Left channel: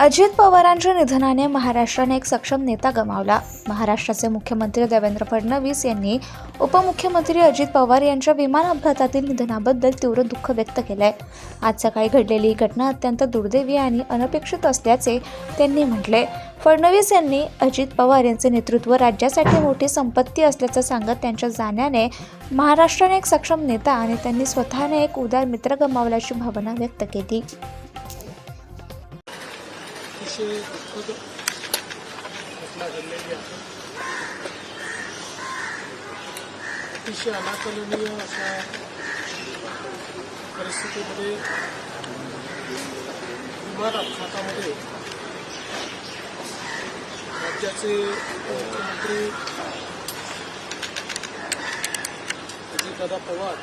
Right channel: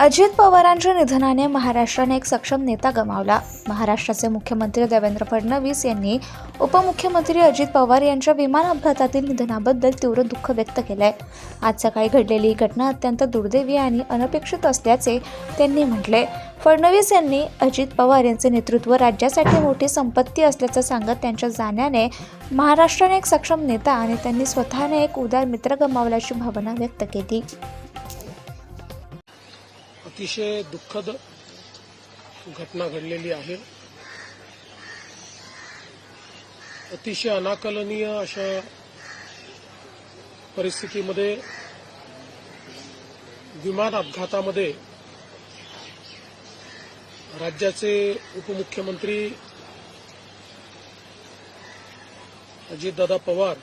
अजित पवारांच्या निधनाने महाराष्ट्राने एक सक्षम नेता गमावला। महाराष्ट्राचे मुख्यमंत्री देवेंद्र फडणवीस यांनी उपमुख्यमंत्री अजित पवार यांच्या विमान अपघातातील निधनाबद्दल तीव्र दुःख व्यक्त केलंय। आज सकाळी घडलेली घटना अत्यंत दुर्दैवी आणि अनपेक्षित असल्याचे त्यांनी म्हटले। फडणवीस यांनी अजित पवार यांचे नेतृत्व राज्यासाठी मोठी संपत्ती असल्याचं सांगत त्यांच्या जाण्याने महाराष्ट्राने एक सक्षम नेता आणि त्यांनी स्वतःने एक उदार मित्र गमावल्याची भावना व्यक्त केली। अतिशय दुःखद घटना घडलेली आहे। अतिशय अनाकलनीय अशा परिस्थितीमध्ये विमान अपघातामध्ये राज्याचे उपमुख्यमंत्री अजितदादा पवार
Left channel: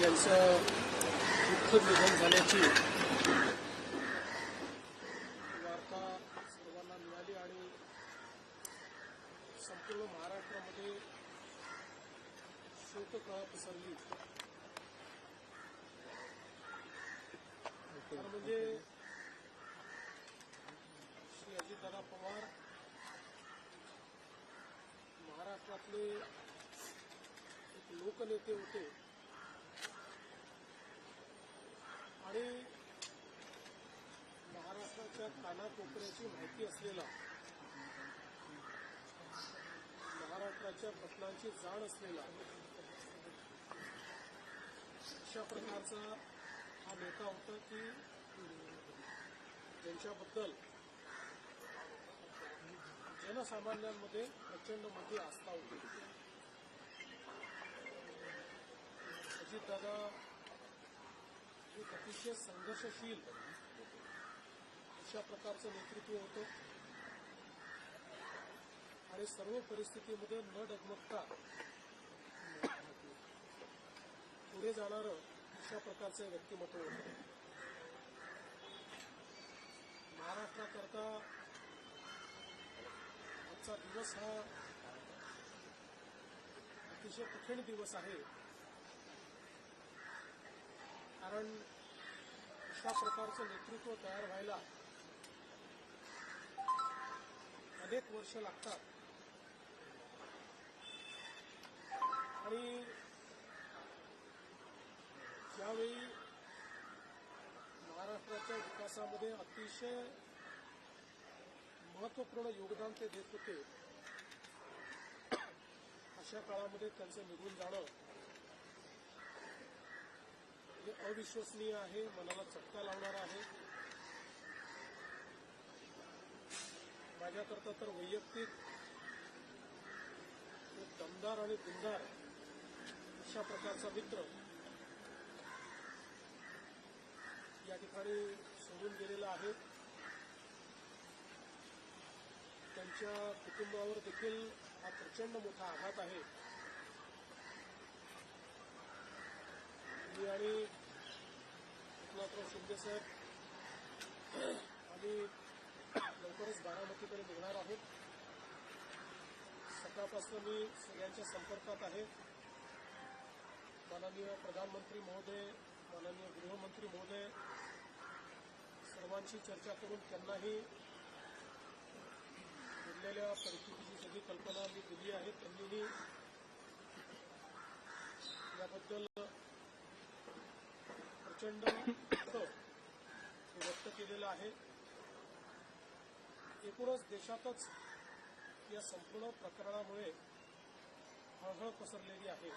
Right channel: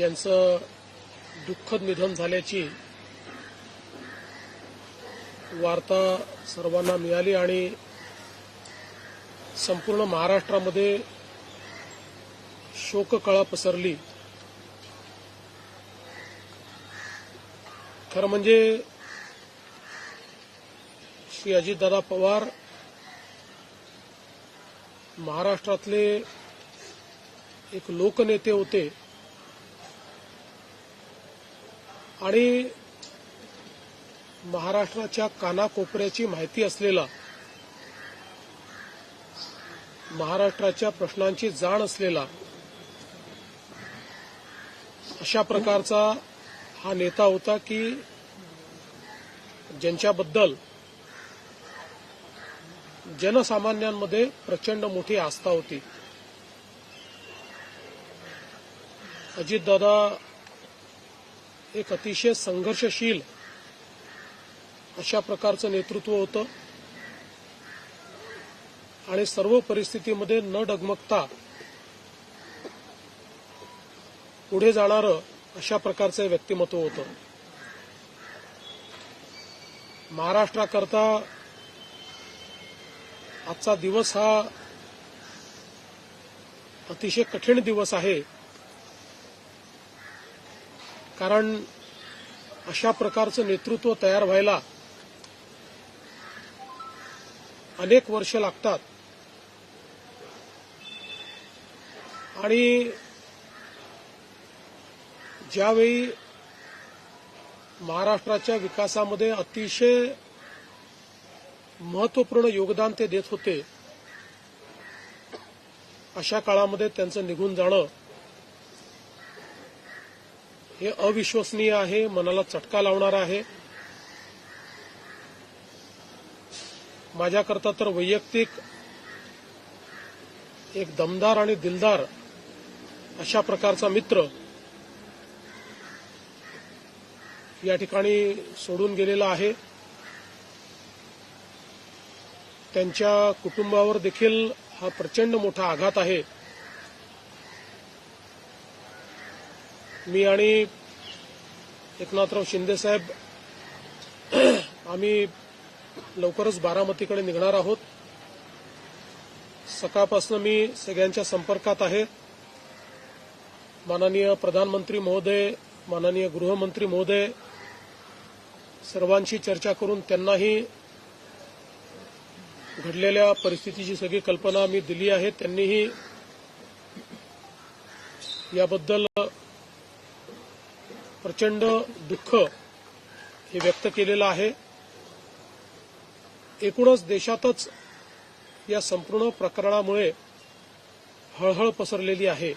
यांचं दुःखद निधन झाल्याची वार्ता सर्वांना मिळाली आणि संपूर्ण महाराष्ट्रामध्ये शोककळा पसरली। खरं म्हणजे श्री अजितदादा पवार महाराष्ट्रातले एक लोकनेते होते आणि महाराष्ट्राच्या कानाकोपऱ्याची माहिती असलेला, महाराष्ट्राच्या प्रश्नांची जाण असलेला अशा प्रकारचा हा नेता होता की ज्यांच्याबद्दल जनसामान्यांमध्ये प्रचंड मोठी आस्था होती। अजितदादा एक अतिशय संघर्षशील अशा प्रकारचं नेतृत्व होतं आणि सर्व परिस्थितीमध्ये न डगमगता पुढे जाणारं अशा प्रकारचं व्यक्तिमत्व होतं। महाराष्ट्राकरता आजचा दिवस हा अतिशय कठीण दिवस आहे, कारण अशा प्रकारचं नेतृत्व तयार व्हायला अनेक वर्ष लागतात आणि ज्यावेळी महाराष्ट्राच्या विकासामध्ये अतिशय महत्त्वपूर्ण योगदान ते देत होते, अशा काळामध्ये त्यांचं निघून जाणं हे अविश्वसनीय आहे, मनाला चटका लावणारं आहे। माझ्याकरता तर वैयक्तिक एक दमदार आणि दिलदार अशा प्रकारचा मित्र या ठिकाणी सोडून गेलेला आहे। त्यांच्या कुटुंबावर देखील हा प्रचंड मोठा आघात आहे। मी आणि एकनाथराव शिंदे साहेब आम्ही लवकरच बारामतीकडे निघणार आहोत। सकाळपासून मी सगळ्यांच्या संपर्कात आहे। माननीय प्रधानमंत्री महोदय, माननीय गृहमंत्री महोदय सर्वांशी चर्चा करून त्यांनाही घडलेल्या परिस्थितीची सगळी कल्पना मी दिली आहे। त्यांनीही याबद्दल प्रचंड दुःख हे व्यक्त केलेलं आहे। एकूणच देशातच या संपूर्ण प्रकरणामुळे हळहळ पसरलेली आहे।